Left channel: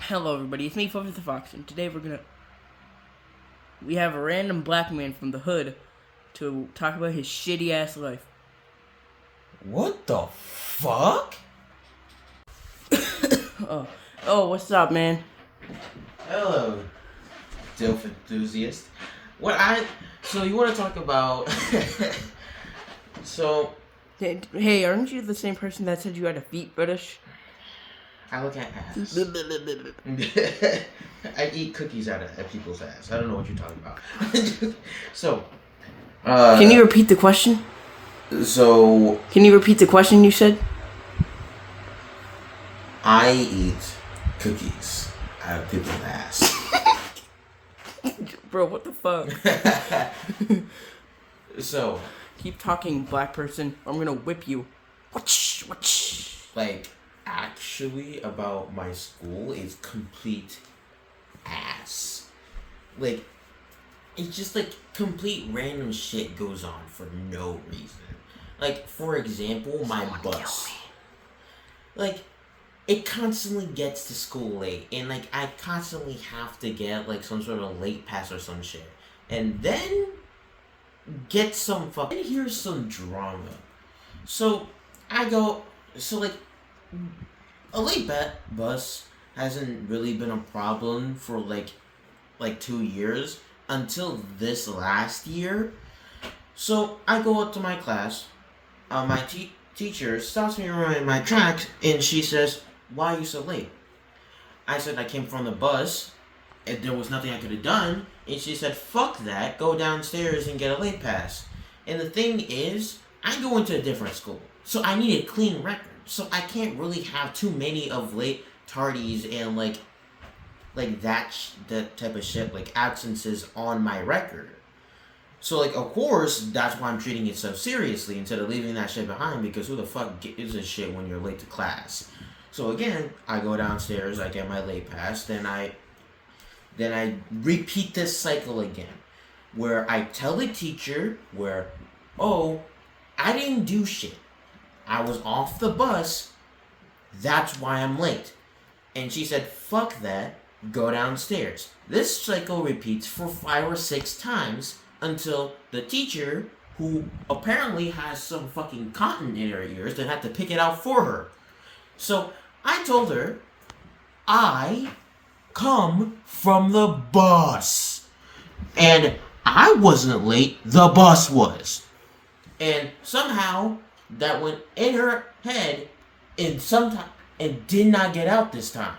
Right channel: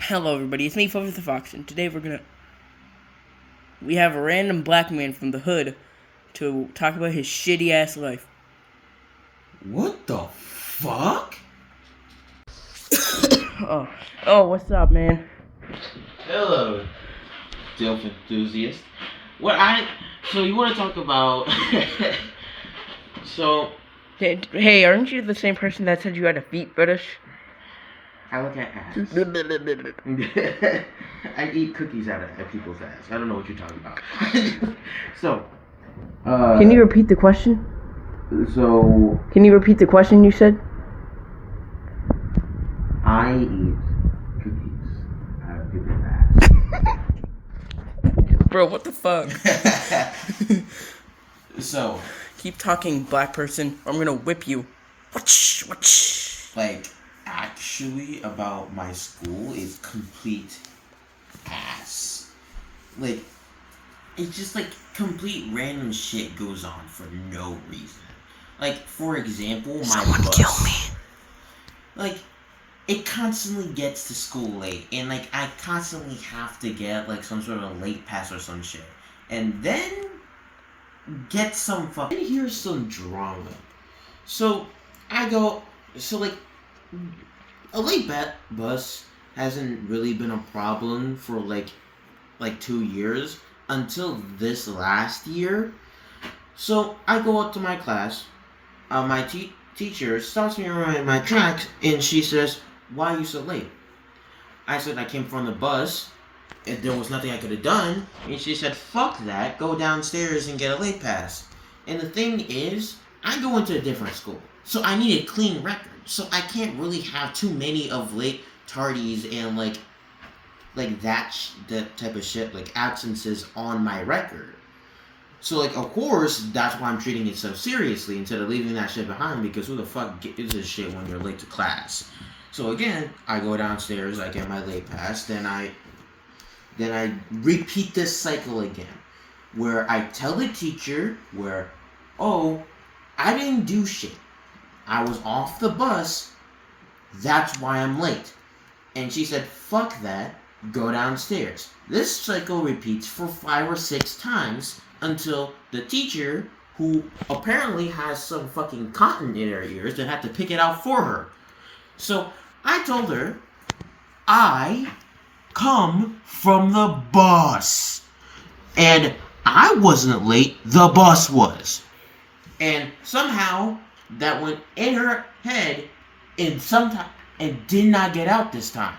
Hello, everybody. It's me, Fluffy the Fox, and today we have a random black man from the hood to talk about his shitty ass life. What the fuck? What's up, man? Hello, Dilf enthusiast. So you want to talk about? So Hey, aren't you the same person that said you had a feet fetish? I look at ass. I eat cookies out of people's ass. I don't know what you're talking about. So, Can you repeat the question? So Can you repeat the question you said? I eat cookies out of people's ass. Bro, what the fuck? So, keep talking, black person, or I'm gonna whip you. like, actually, about my school is complete ass. Like, it's just like complete random shit goes on for no reason. Like, for example, my bus. Kill me. Like, it constantly gets to school late, and like I constantly have to get like some sort of late pass or some shit, and then get some fucking. Here's some drama. So I go. So like a late bus hasn't really been a problem for like 2 years until this last year. So I go up to my class. My teacher stops me around in my tracks, and she says, "Why are you so late?" I said I came from the bus, and there was nothing I could have done. And she said, "Fuck that, go downstairs and get a late pass." And the thing is, I go into a different school, so I need a clean record. So I can't really have too many of late tardies and like that type of shit, like absences on my record. So, like, of course, that's why I'm treating it so seriously instead of leaving that shit behind, because who the fuck gives a shit when you're late to class? So, again, I go downstairs, I get my late pass, then I repeat this cycle again, where I tell the teacher oh, I didn't do shit. I was off the bus, that's why I'm late. And she said, "Fuck that, go downstairs." This cycle repeats for 5 or 6 times, until the teacher, who apparently has some fucking cotton in her ears, that had to pick it out for her. So I told her, I come from the bus. And I wasn't late, the bus was. And somehow that went in her head and did not get out this time.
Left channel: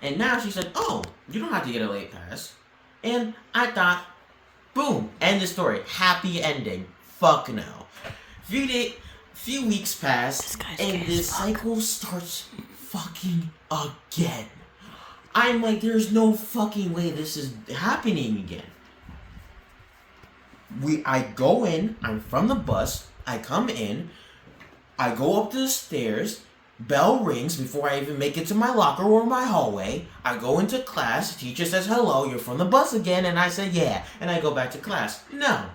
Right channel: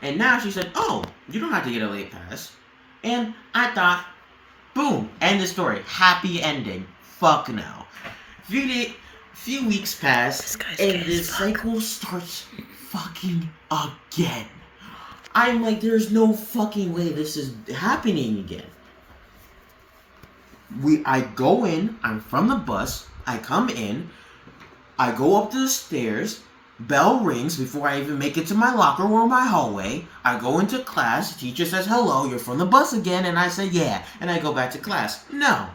And now she said, "Oh, you don't have to get a late pass." And I thought, boom, end the story. Happy ending. Fuck no. Few weeks pass, and this cycle starts fucking again. I'm like, there's no fucking way this is happening again. I go in, I'm from the bus, I come in, I go up the stairs, bell rings before I even make it to my locker or my hallway. I go into class. Teacher says, "Hello, you're from the bus again." And I say, "Yeah." And I go back to class. No.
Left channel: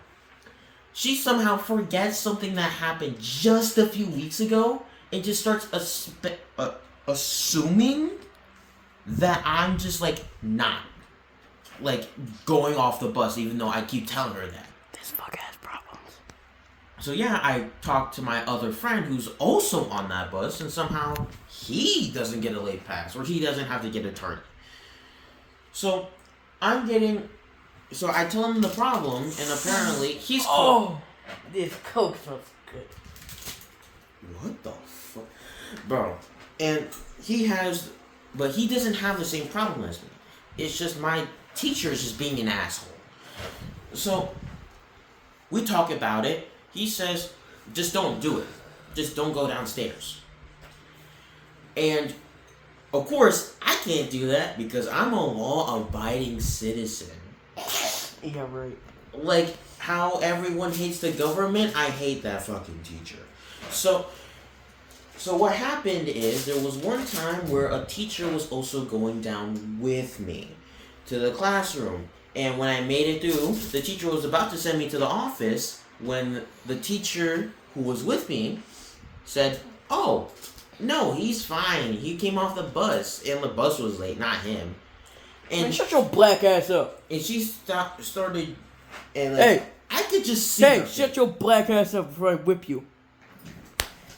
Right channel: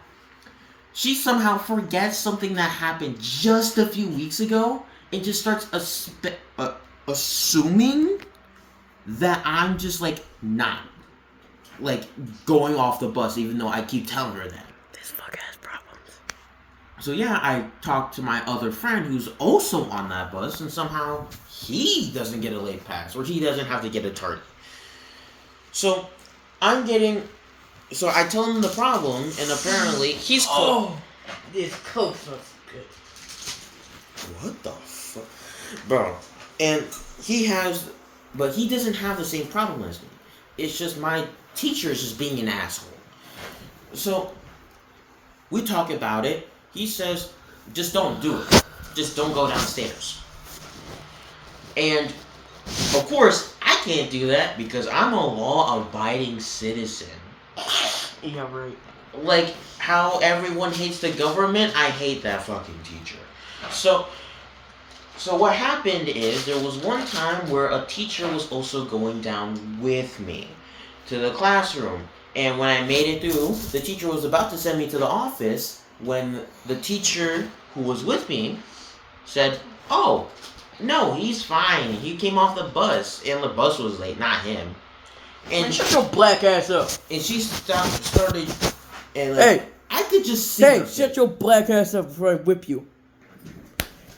She somehow forgets something that happened just a few weeks ago and just starts assuming that I'm just like not like going off the bus, even though I keep telling her that. This fuck has problems. So yeah, I talked to my other friend who's also on that bus, and somehow he doesn't get a late pass, or he doesn't have to get a tardy. So I tell him the problem, and apparently he's this Coke smells good. What the fuck, bro? And he doesn't have the same problem as me. It's just my teacher is just being an asshole. So we talk about it. He says, "Just don't do it. Just don't go downstairs." And, of course, I can't do that because I'm a law-abiding citizen. Yeah, right. Like how everyone hates the government, I hate that fucking teacher. So what happened is, there was one time where a teacher was also going down with me to the classroom. And when I made it through, the teacher was about to send me to the office when the teacher who was with me said, "Oh, No, he's fine. He came off the bus, and the bus was late, not him. Man, shut your black ass up. And she started, and Hey, I could just see. Hey, shut your black ass up before I whip you.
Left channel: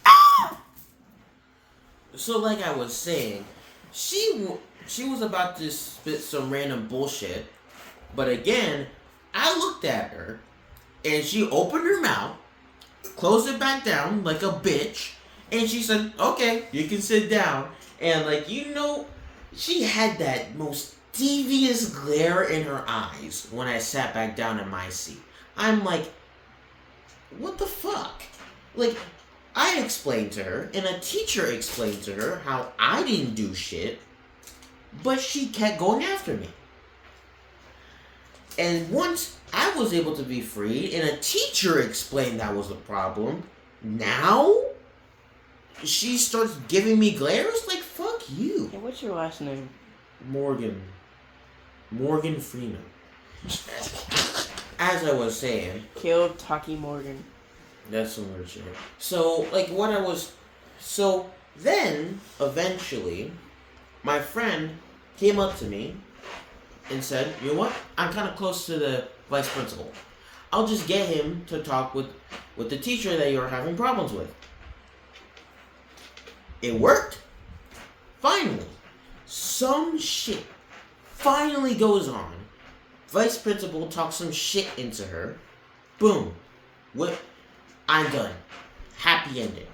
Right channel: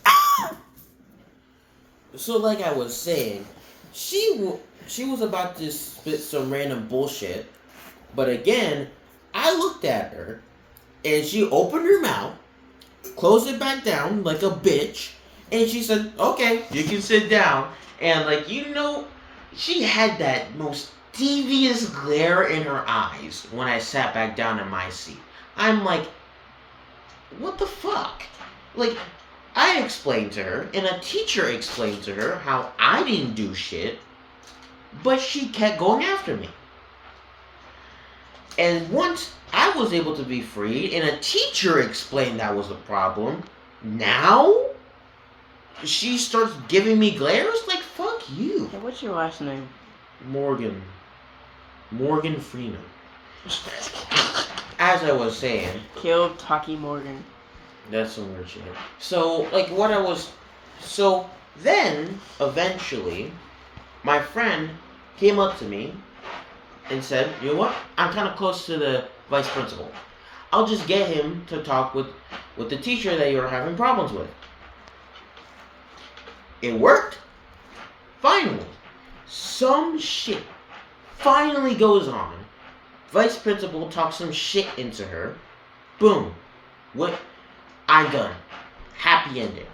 Ah! So, like I was saying, she was about to spit some random bullshit, but again, I looked at her, and she opened her mouth, closed it back down like a bitch, and she said, "Okay, you can sit down." And she had that most devious glare in her eyes when I sat back down in my seat. I'm like, what the fuck? Like, I explained to her, and a teacher explained to her how I didn't do shit, but she kept going after me. And once I was able to be freed, and a teacher explained that was the problem, now she starts giving me glares? Like, fuck you. Hey, what's your last name? Morgan Freeman. As I was saying, Kill Taki Morgan. that's some weird shit. So then, eventually, my friend came up to me and said, "You know what? I'm kind of close to the vice principal. I'll just get him to talk with the teacher that you're having problems with." It worked. Finally, some shit finally goes on. Vice principal talks some shit into her. Boom. What? I'm done. Happy ending.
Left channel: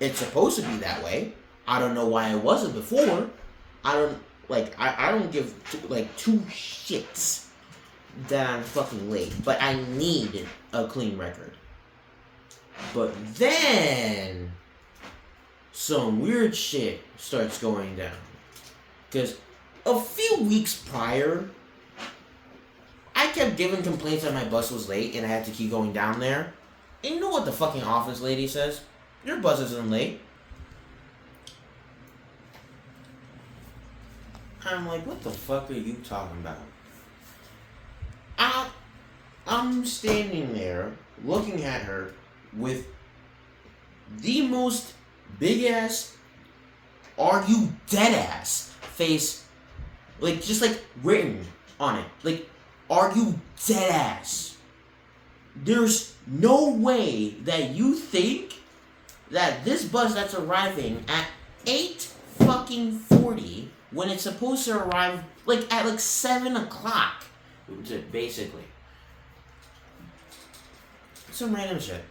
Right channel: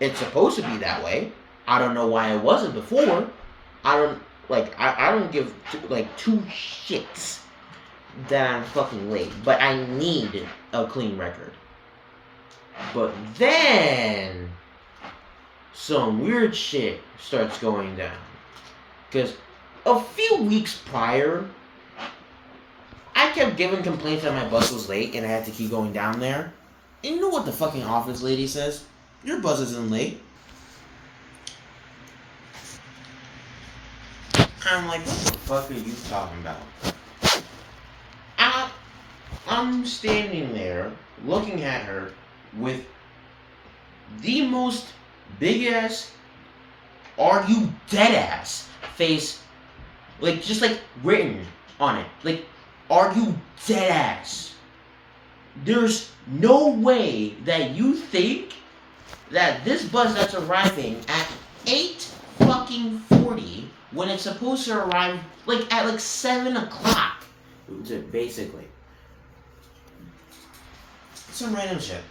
It's supposed to be that way. I don't know why it wasn't before. I don't give two shits that I'm fucking late, but I need a clean record. But then some weird shit starts going down. Because a few weeks prior, I kept giving complaints that my bus was late and I had to keep going down there. And you know what the fucking office lady says? Your bus isn't late. I'm like, what the fuck are you talking about? I'm standing there looking at her with the most big ass, "Are you dead ass?" face, just written on it. Like, "Are you dead ass?" There's no way that you think that this bus that's arriving at 8:40 when it's supposed to arrive at 7 o'clock, basically. Some random shit.